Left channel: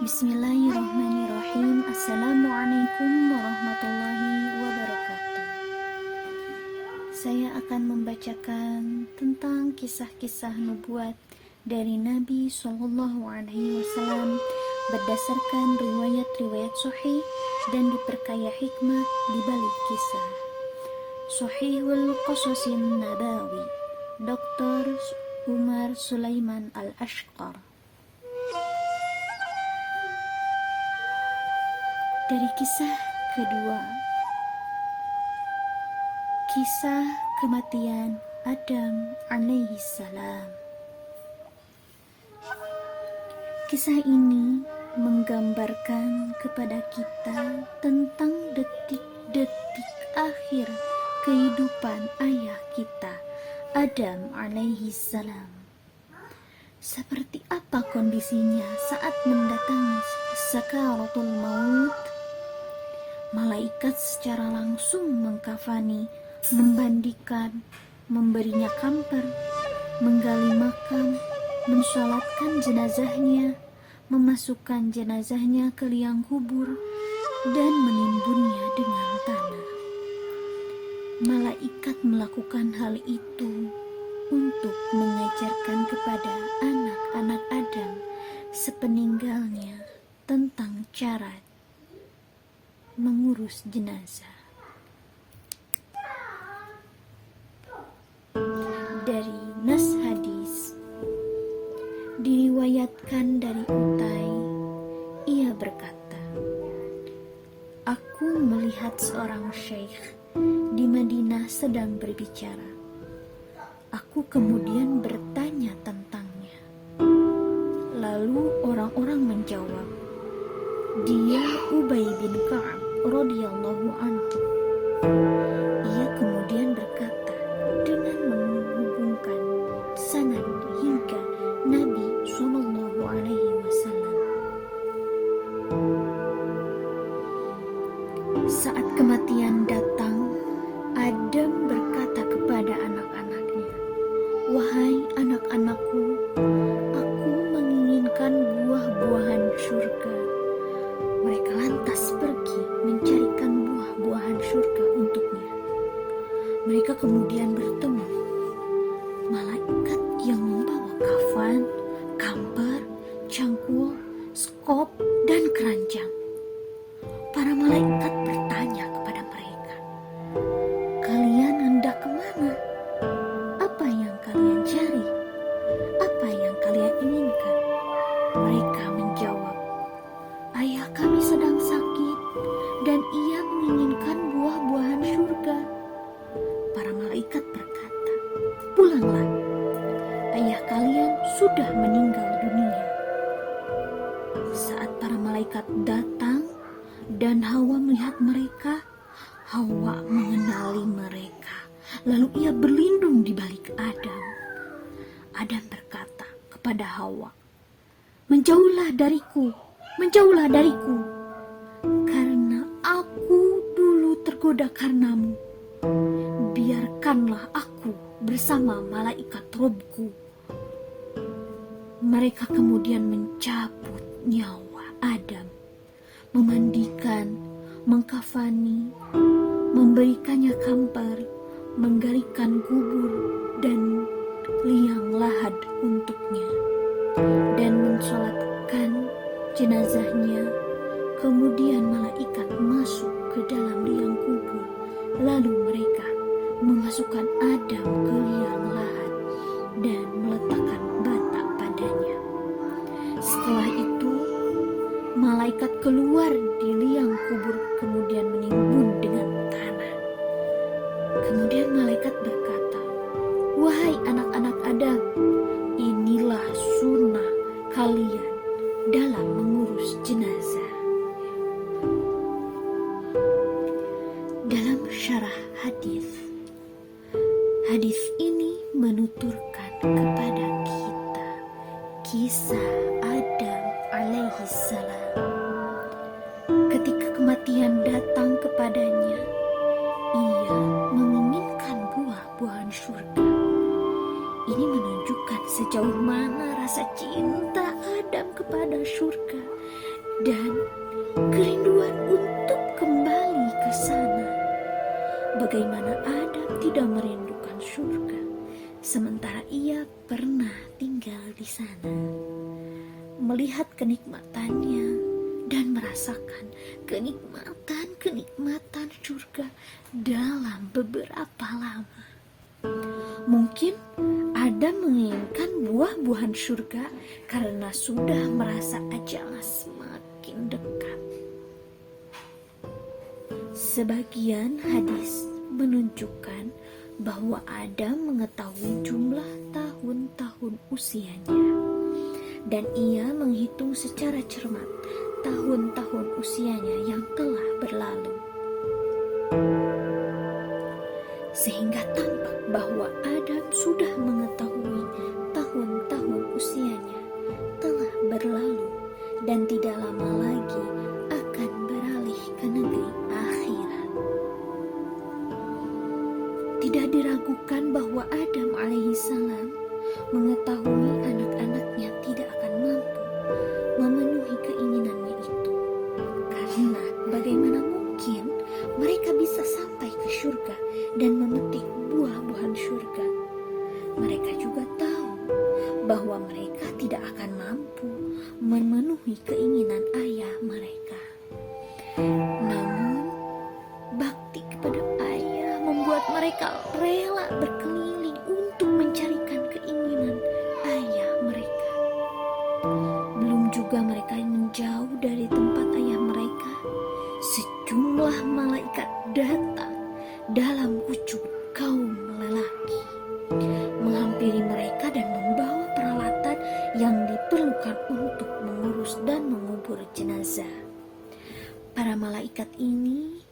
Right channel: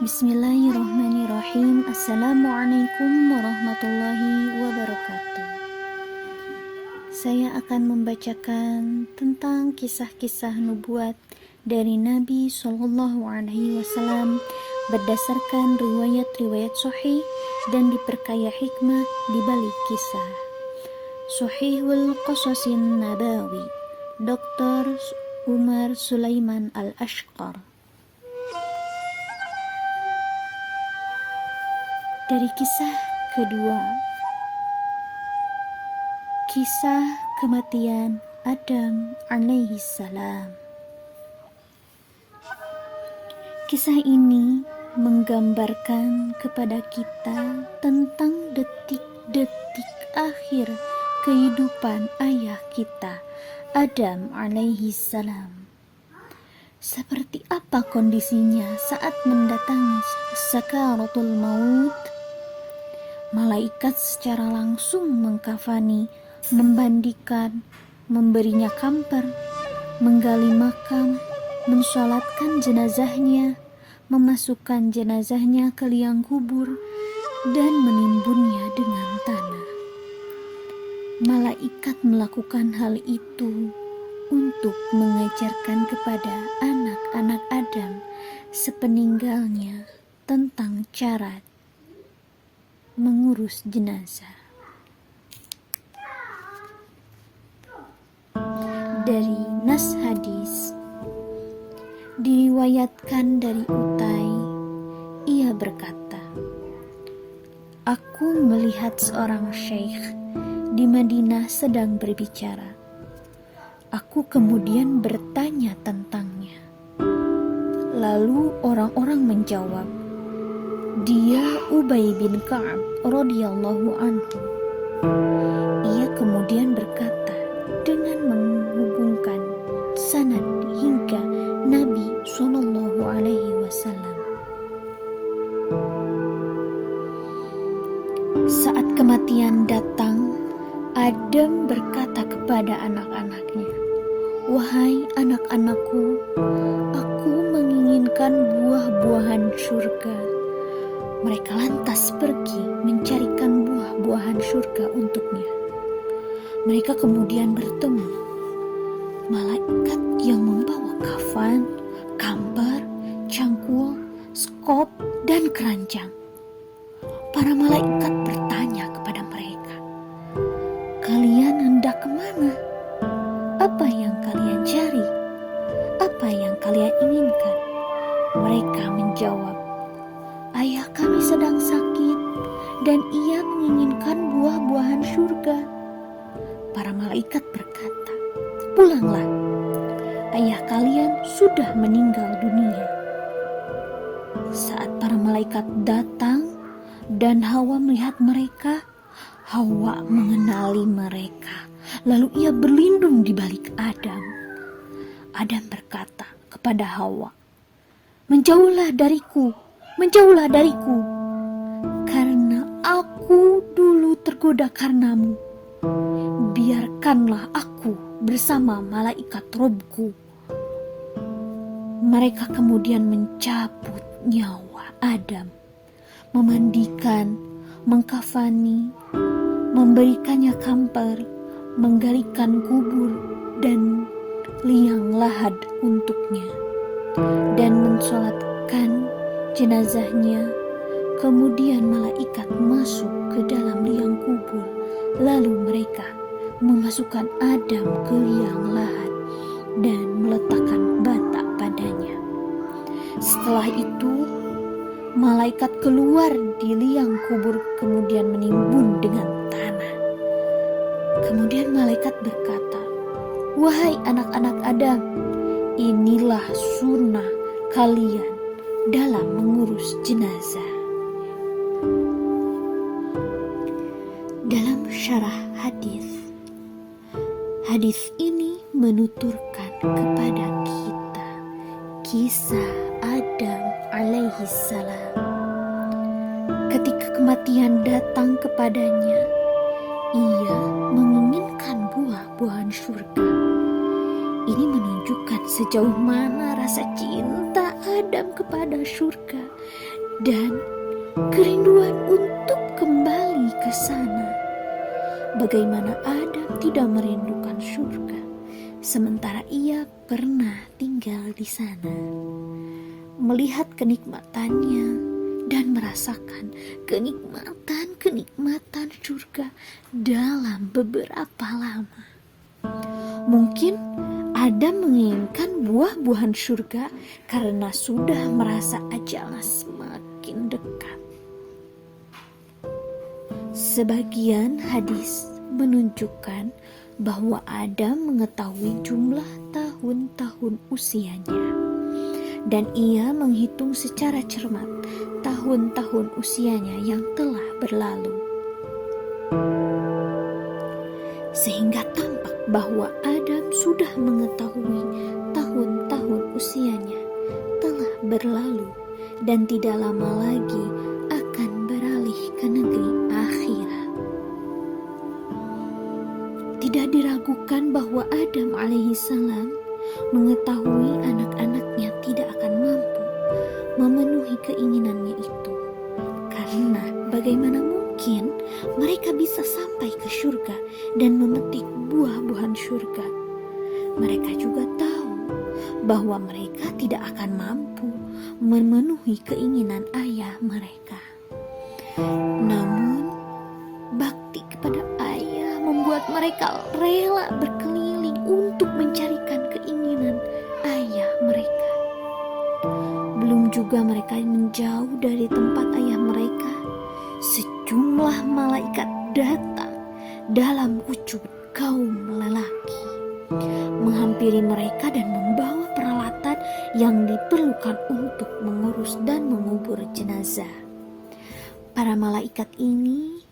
Bismillahirrahmanirrahim. Assalamualaikum warahmatullahi wabarakatuh. Saya akan membacakan tentang kisah-kisah nubuat dari Nabi Shallallahu Alaihi Wasallam berdasarkan riwayat-riwayat sahih dan diperkaya hikmah di balik kisah. Sahihul Qasasin Nabawi, Dr. Umar Sulaiman Al-Ashqar. Dari kisah kedua, kisah kematian Adam alaihi salam. Kisah ini menggambarkan kepada kita tentang detik-detik akhir kehidupan ayah kita, Adam alaihi salam. Seperti apa kondisinya saat mendatangi sakaratul maut? Malaikat secara langsung mengkafani, membandikan, memberinya kamper, menggali makam, mensolatkan jenazahnya, memasukkan jenazahnya ke liang kubur, dan menimbunnya dengan tanah. Malaikat melakukan hal itu untuk mengajarkan kepada anak-anak Adam sepeninggalnya tentang cara mengurus jenazah. Dari nas hadis diriwayatkan dari Utai, ia berkata, "Aku melihat seorang syekh di Madinah sedang berbicara. Aku kemudian bertanya tentangnya. Lalu orang-orang menjawab, dia Ubay bin Ka'ab radhiyallahu anhu." Ia kemudian berkata dengan menghubungkan sanad hingga Nabi Shallallahu Alaihi Wasallam. Saat kematian datang, Adam berkata kepada anak-anaknya, "Wahai anak-anakku, aku menginginkan buah-buahan surga." Mereka lantas pergi mencarikan buah-buahan surga untuknya. Mereka kemudian bertemu malaikat yang membawa kafan, kamper, cangkul, skop, dan keranjang. Para malaikat bertanya kepada mereka, "Kalian hendak kemana? Apa yang kalian cari? Apa yang kalian inginkan?" Mereka menjawab, "Ayah kami sedang sakit dan ia menginginkan buah-buahan surga." Para malaikat berkata, "Pulanglah, ayah kalian sudah meninggal dunia." Saat para malaikat datang dan Hawa melihat mereka, Hawa mengenali mereka. Lalu ia berlindung di balik Adam. Adam berkata kepada Hawa, "Menjauhlah dariku, menjauhlah dariku, karena aku dulu tergoda karenamu. Biarkanlah aku bersama malaikat Robku." Mereka kemudian mencabut nyawa Adam, memandikan, mengkafani, memberikannya kamper, menggalikan kubur dan liang lahat untuknya, dan mensolatkan jenazahnya. Kemudian malaikat masuk ke dalam liang kubur, lalu mereka memasukkan Adam ke liang lahat dan meletakkan bata padanya. Setelah itu malaikat keluar di liang kubur kemudian menimbun dengan tanah. Kemudian malaikat berkata, "Wahai anak-anak Adam, inilah sunnah kalian dalam mengurus jenazah." Dalam syarah hadis ini menuturkan kepada kita kisah Adam alaihi salam. Ketika kematian datang kepadanya, ia menginginkan buah-buahan surga. Ini menunjukkan sejauh mana rasa cinta Adam kepada surga dan kerinduan untuk kembali ke sana. Bagaimana Adam tidak merindukan surga, sementara ia pernah tinggal di sana, melihat kenikmatannya dan merasakan kenikmatan surga dalam beberapa lama. Mungkin Adam menginginkan buah-buahan surga karena sudah merasa ajalnya semakin dekat. Sebagian hadis menunjukkan bahwa Adam mengetahui jumlah tahun-tahun usianya, dan ia menghitung secara cermat tahun-tahun usianya yang telah berlalu, sehingga tampak bahwa Adam sudah mengetahui tahun-tahun usianya telah berlalu dan tidak lama lagi akan beralih ke negeri akhirat. Tidak diragukan bahwa Adam alaihissalam mengetahui anak-anaknya tidak akan mampu memenuhi keinginannya itu, karena bagaimana mungkin mereka bisa sampai ke surga dan memetik buah-buahan surga. Mereka juga tahu bahwa mereka tidak akan mampu memenuhi keinginan ayah mereka. Namun, bakti kepada ayah membuat mereka rela berkeliling untuk mencarikan keinginan ayah mereka. Belum juga mereka menjauh dari tempat ayah mereka, sejumlah malaikat datang dalam wujud kaum lelaki, menghampiri mereka dan membawa peralatan yang diperlukan untuk mengurus dan mengubur jenazah. Para malaikat ini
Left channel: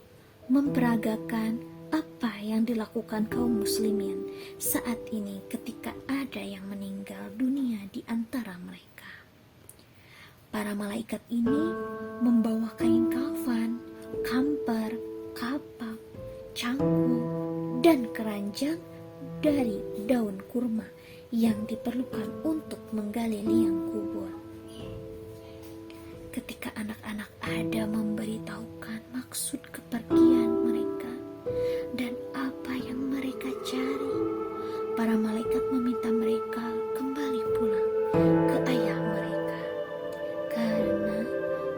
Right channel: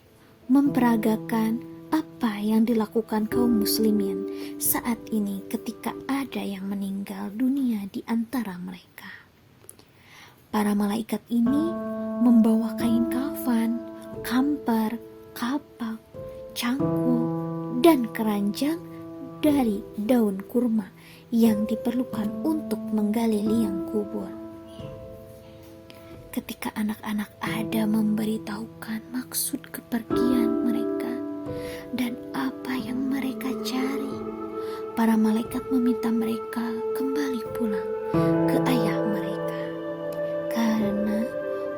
memperagakan apa yang dilakukan kaum muslimin saat ini ketika ada yang meninggal dunia di antara mereka. Para malaikat ini membawa kain kafan, kampar, kapak, cangkul, dan keranjang dari daun kurma yang diperlukan untuk menggali liang kubur. Ketika anak-anak Adam memberitahukan maksud kepergian mereka dan apa yang mereka cari, para malaikat meminta mereka kembali pulang ke ayah mereka, karena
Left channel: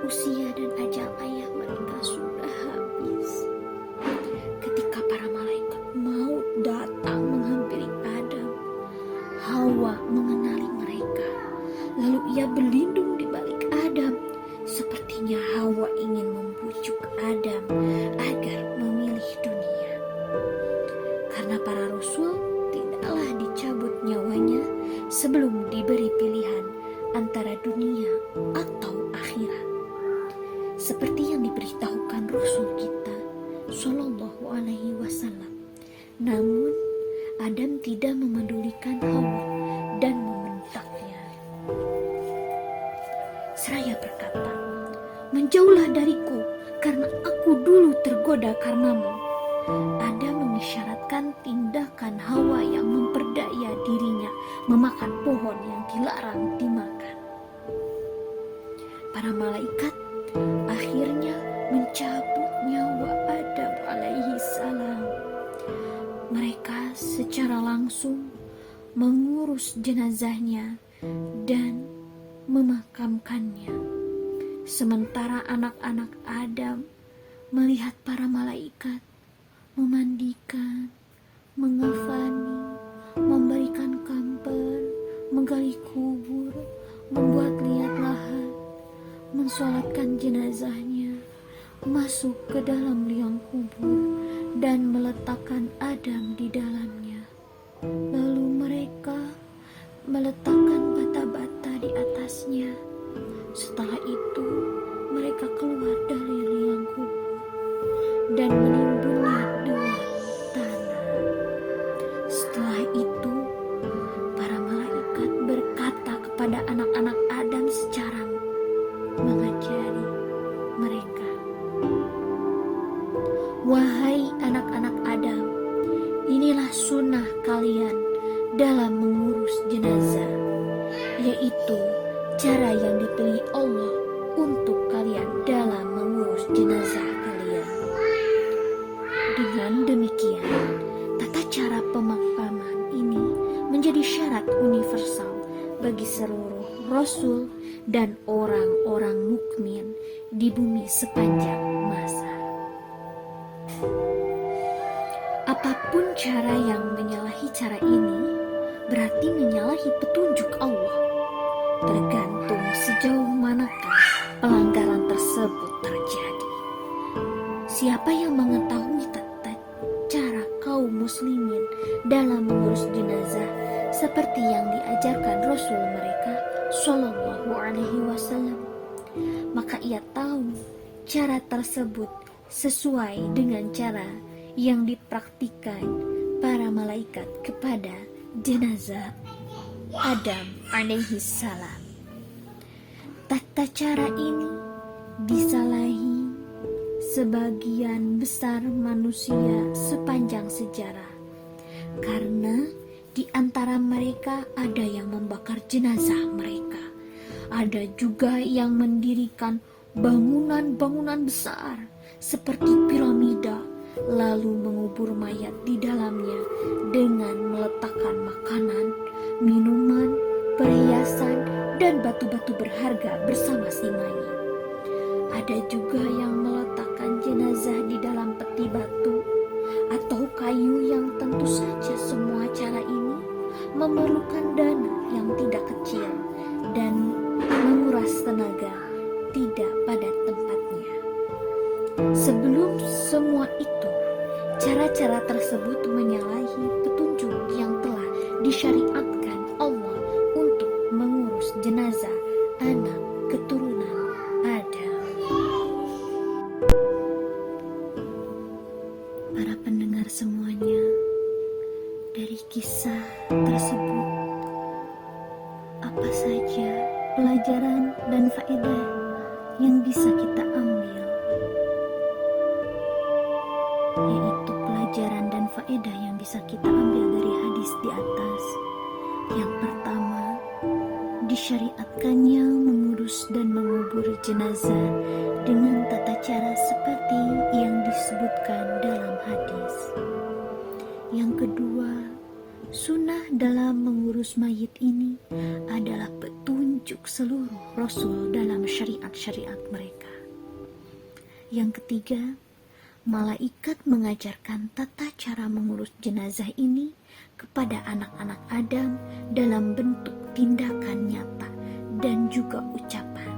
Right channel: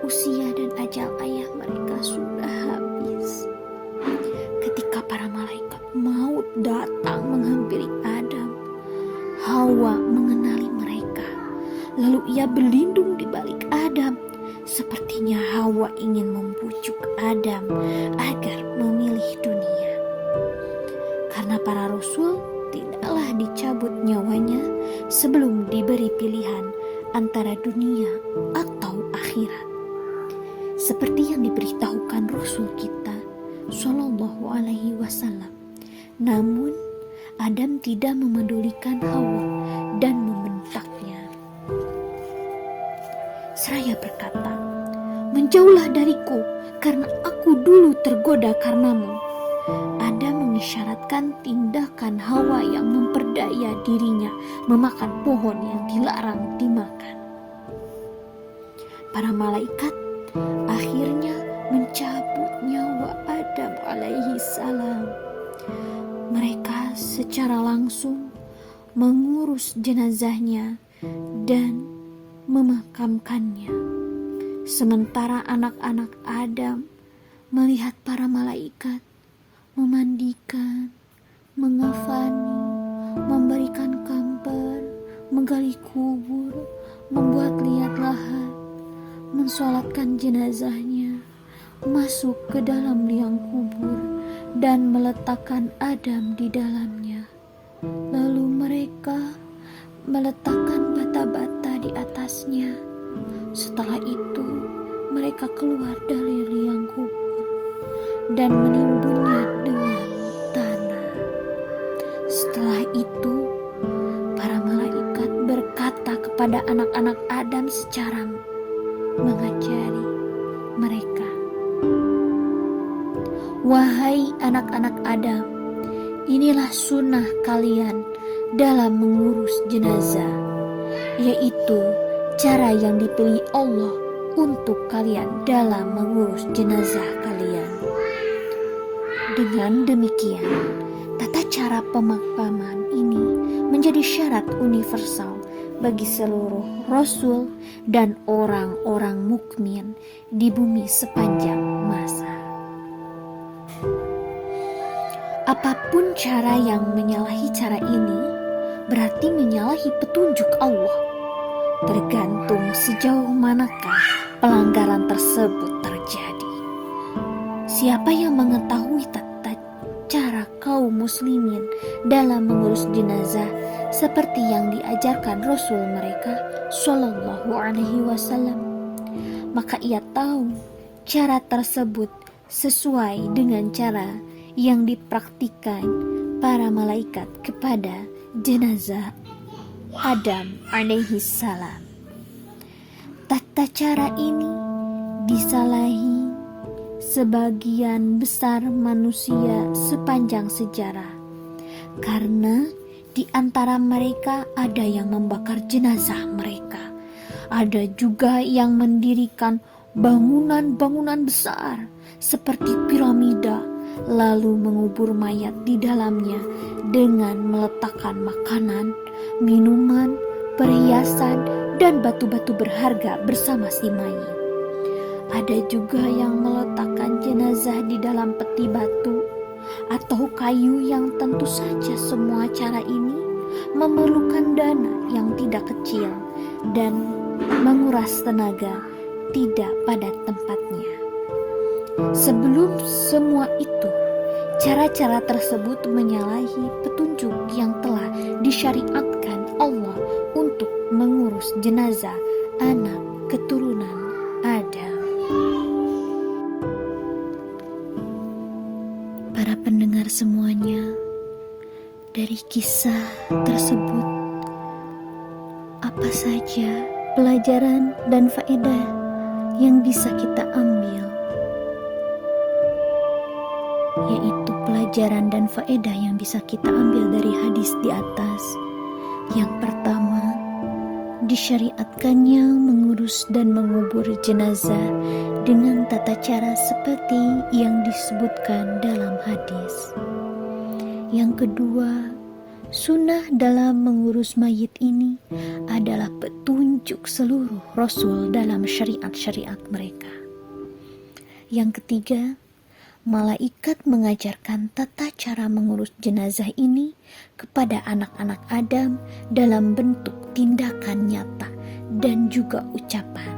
usia dan ajal ayah mereka sudah habis. Ketika para malaikat maut datang menghampiri Adam, Hawa mengenali mereka. Lalu ia berlindung di balik Adam. Sepertinya Hawa ingin membujuk Adam agar memilih dunia. Karena para rasul tidaklah dicabut nyawanya sebelum diberi pilihan antara dunia atau akhirat. Seperti yang diberitahukan Rasul kita Shallallahu Alaihi Wasallam. Namun Adam tidak memedulikan Hawa dan membentaknya. Seraya berkata, "Menjauhlah dariku, karena aku dulu tergoda karenamu." Adam mengisyaratkan tindakan Hawa yang memperdaya dirinya memakan pohon yang dilarang dimakan. Para malaikat akhirnya mencabut nyawa Adam alaihi salam. Mereka secara langsung mengurus jenazahnya dan memakamkannya. Sementara anak-anak Adam melihat para malaikat memandikan, mengafani, memberikan kampan, menggali kubur, membuat liat lahat, mensolatkan jenazahnya, masuk ke dalam liang kubur dan meletakkan Adam di dalamnya. Lalu mereka meletakkan bata-bata di atasnya. Setelah itu mereka keluar dari liang kubur dan menimbunnya dengan tanah. Setelah itu para malaikat berkata kepada anak-anak Adam secara mengajari mereka, "Wahai anak-anak Adam, inilah sunnah kalian dalam mengurus jenazah, yaitu cara yang dipilih Allah untuk kalian dalam mengurus jenazah kalian. Dengan demikian, tata cara pemakaman ini menjadi syarat universal bagi seluruh rasul dan orang-orang mukmin di bumi sepanjang masa. Apapun cara yang menyalahi cara ini berarti menyalahi petunjuk Allah, tergantung sejauh manakah pelanggaran tersebut terjadi. Siapa yang mengetahui tata cara kaum muslimin dalam mengurus jenazah seperti yang diajarkan Rasul mereka Shallallahu Alaihi Wasallam, maka ia tahu cara tersebut sesuai dengan cara yang dipraktikkan para malaikat kepada jenazah Adam alaihi salam. Tata cara ini disalahi sebagian besar manusia sepanjang sejarah, karena di antara mereka ada yang membakar jenazah mereka, ada juga yang mendirikan bangunan-bangunan besar seperti piramida, lalu mengubur mayat di dalamnya dengan meletakkan makanan, minuman, perhiasan, dan batu-batu berharga bersama si mayit. Ada juga yang meletakkan jenazah di dalam peti batu atau kayu, yang tentu saja semua cara ini memerlukan dana yang tidak kecil dan menguras tenaga tidak pada tempatnya. Sebelum semua itu, cara-cara tersebut menyalahi petunjuk yang telah disyariatkan Allah untuk mengurus jenazah anak keturunan Adam. Para pendengar semuanya, dari kisah tersebut, apa saja pelajaran dan faedah yang bisa kita ambil? Yaitu pelajaran dan faedah yang bisa kita ambil dari hadis di atas. Yang pertama, disyariatkannya mengurus dan mengubur jenazah dengan tata cara seperti yang disebutkan dalam hadis. Yang kedua, sunnah dalam mengurus mayit ini adalah petunjuk seluruh rasul dalam syariat-syariat mereka. Yang ketiga, malaikat mengajarkan tata cara mengurus jenazah ini kepada anak-anak Adam dalam bentuk tindakan nyata dan juga ucapan.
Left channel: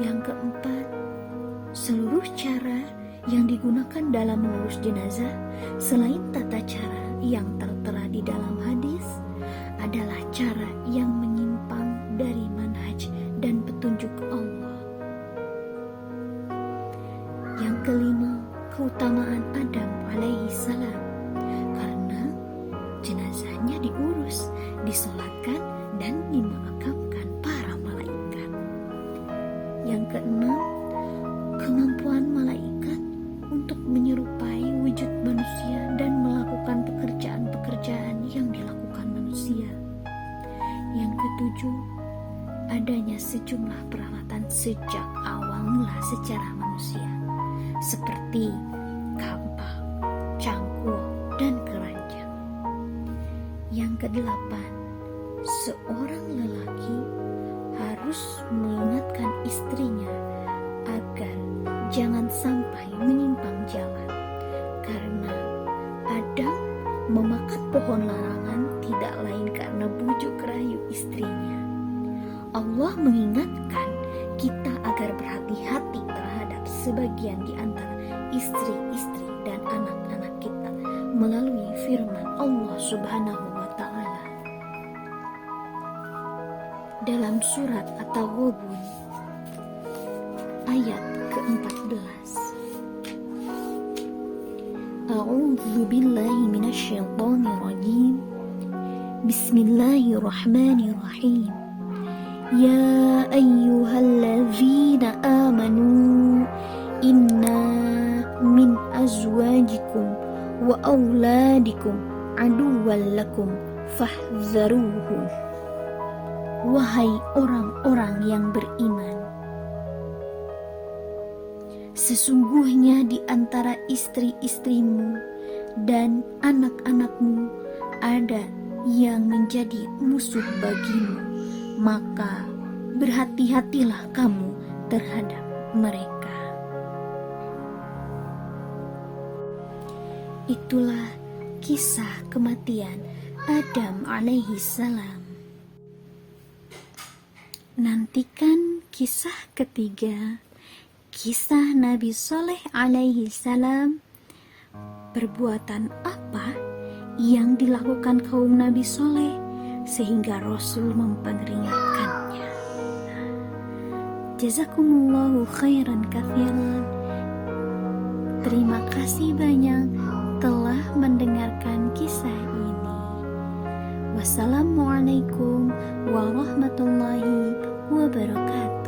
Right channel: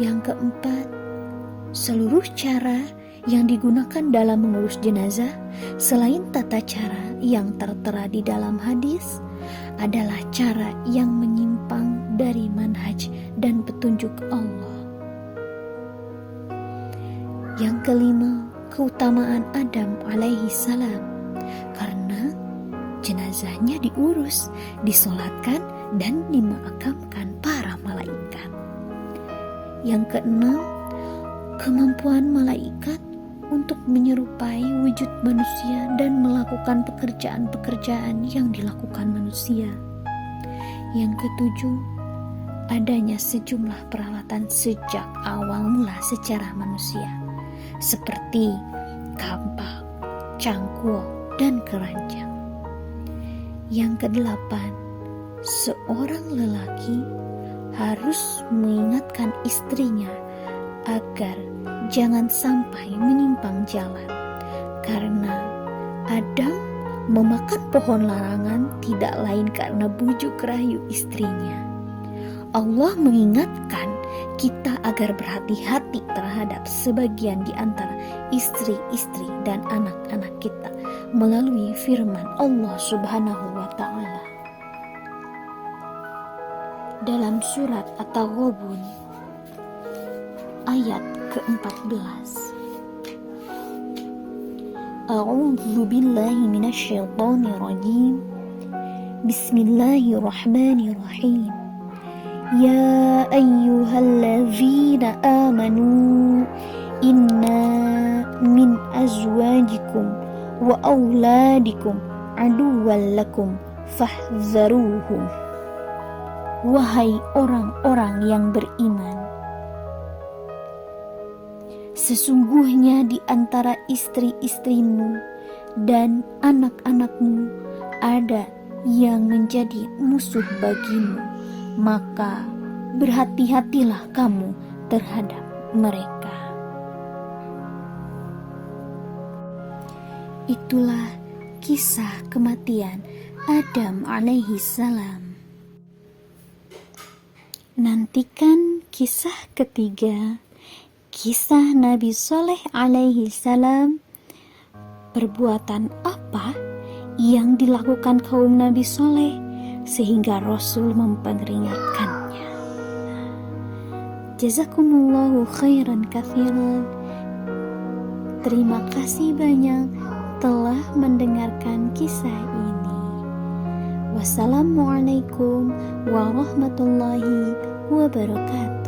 Yang keempat, seluruh cara yang digunakan dalam mengurus jenazah selain tata cara yang tertera di dalam hadis adalah cara yang menyimpang dari manhaj dan petunjuk Allah. Yang kelima, keutamaan Adam alaihi salam, karena jenazahnya diurus, disolatkan, dan dimakamkan para malaikat. Yang keenam, kemampuan malaikat untuk menyerupai wujud manusia dan melakukan pekerjaan-pekerjaan yang dilakukan manusia. Yang ketujuh, adanya sejumlah peralatan sejak awal mula secara manusia, seperti kampak, cangkul, dan keranjang. Yang kedelapan, seorang lelaki harus mengingatkan istrinya agar jangan sampai menyimpang jalan, karena Adam memakan pohon larangan tidak lain karena bujuk rayu istrinya. Allah mengingatkan kita agar berhati-hati terhadap sebagian di antara istri-istri dan anak-anak kita melalui firman Allah Subhanahu wa Ta'ala dalam surat At-Taghabun ayat ke-14. A'udzu billahi minasyaitonir rajim. Bismillahirrahmanirrahim. Ya ayyuhalladzina amanu inna min azwajikum wa auladikum aduwwan lakum fahzaruhum. wahai orang-orang yang beriman. Sesungguhnya di antara istri-istrimu dan anak-anakmu ada yang menjadi musuh bagimu, maka berhati-hatilah kamu terhadap mereka. Itulah kisah kematian Adam alaihi salam. Nantikan kisah ketiga, kisah Nabi Soleh alaihi salam. Perbuatan apa yang dilakukan kaum Nabi Soleh sehingga Rasul memperingatkannya? Jazakumullahu khairan katsiran. Terima kasih banyak telah mendengarkan kisah ini. Wassalamualaikum warahmatullahi wabarakatuh.